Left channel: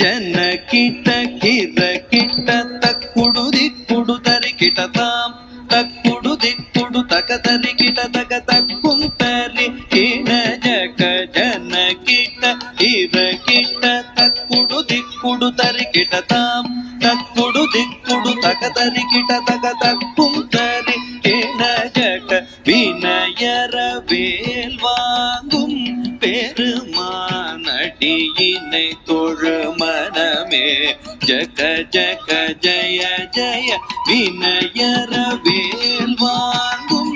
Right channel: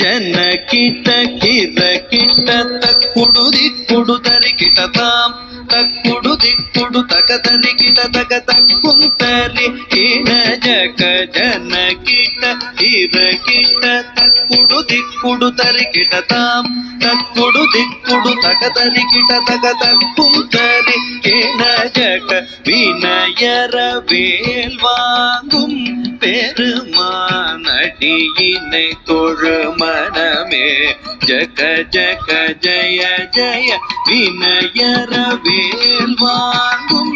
ಜನ ಕಿಟ ಕಿರ ಕಿಟ ತಕ್ಕುಡು ದಿಕ್ಕುಡು ತರಿ ಕಿಟ ತಾಂ ತಕ್ಕುಡು ದಿಕ್ಕುಡು ತಕ ತರಿ ಕಿಟ ತಕ ತಕ್ಕುಂತರಿ ಕಿಣ ಜಕ ಜನ ಕಿಟ ಕಿರ ಕಿಟ ತಕ್ಕುಡು ದಿಕ್ಕುಡು ತರಿ ಕಿಟ ತಾಂ ತಕ್ಕುಡು ದಿಕ್ಕುಡು ತಕ ತರಿ ಕಿಟ ತಕ ತಕ್ಕುಂತರಿ ಕಿಣ ಜಕ வினயர வேல் வாங்கும் பெருமானடியினை தொழு மனமே ஜக ஜக ஜய ஜய வினயர வேல் வாங்கும்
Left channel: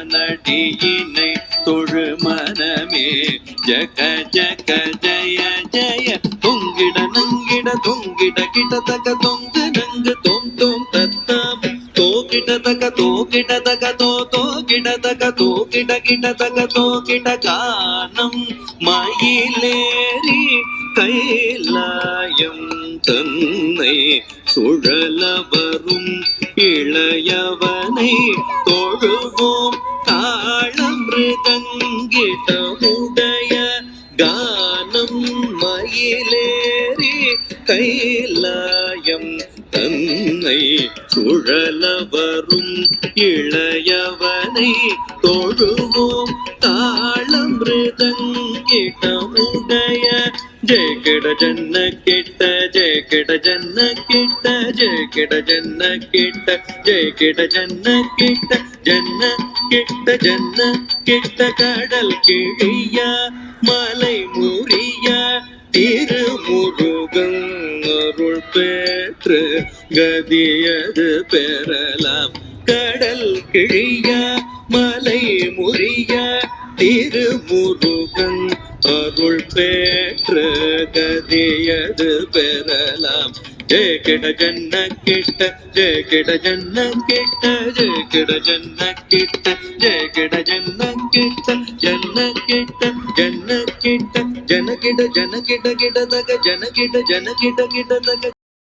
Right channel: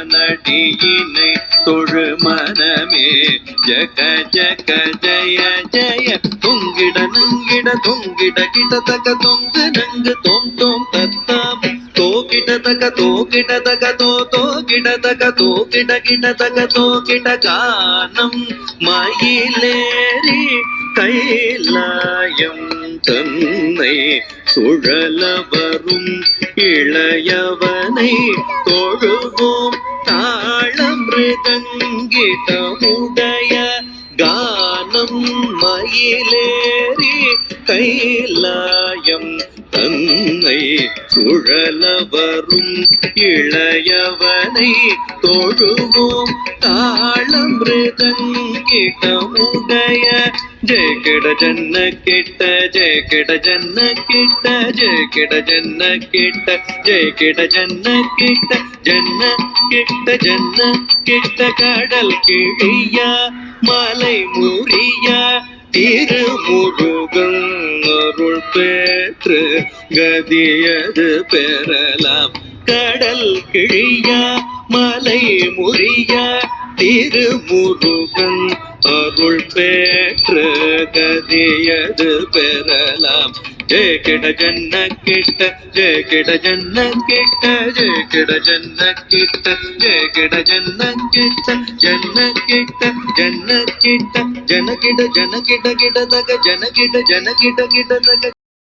பெருமானடியினை தொழு மனமே ஜக ஜக ஜய ஜய தொங்கிட நங்கிட தொங்கிட கிட தக தொங்கு நங்கு தோம் தோம் தத்தாம் தோகிட தக தோகிட தக தோ தோகிட தக தோகிட கிட தக தோகிட கானம் மயிலேறி கைலாயம் தன்னை சுழல வரும் இளையவனை தொழுவோம் தாளமிருதங்கிடமுடைய கானம் மயிலேறி கைலாயம் தன்னை சுழல வரும் இளையவனை தொழுவோம் தாளமிருதங்கிடமுடைய ஜெய கிட ஜன்ன கிட்ட ஜெய கிட ஜன்ன கிட்ட ஜெய கிட ஜன்ன கிட்ட ஜெய கிட ஜன்ன கிட்ட ஜன்ன கிட்ட ஜன்ன கிட்ட கடல் கிழியா மலை முறியா திருமுருகன் அருள் பெற்று கதியது பெறலாம் கடல் கிழியா மலை முறியா திருமுருகன் அருள் பெற்று கதியது பெறலாம் ஜெய கிட ஜன்ன கிட்ட ஜெய கிட ஜன்ன கிட்ட ஜெய கிட ஜன்ன கிட்ட ஜெய கிட ஜன்ன கிட்ட ஜன்ன கிட்ட ஜன்ன கிட்ட ஜன கிட கிட கிட தக ஜன கிட கிட கிட தக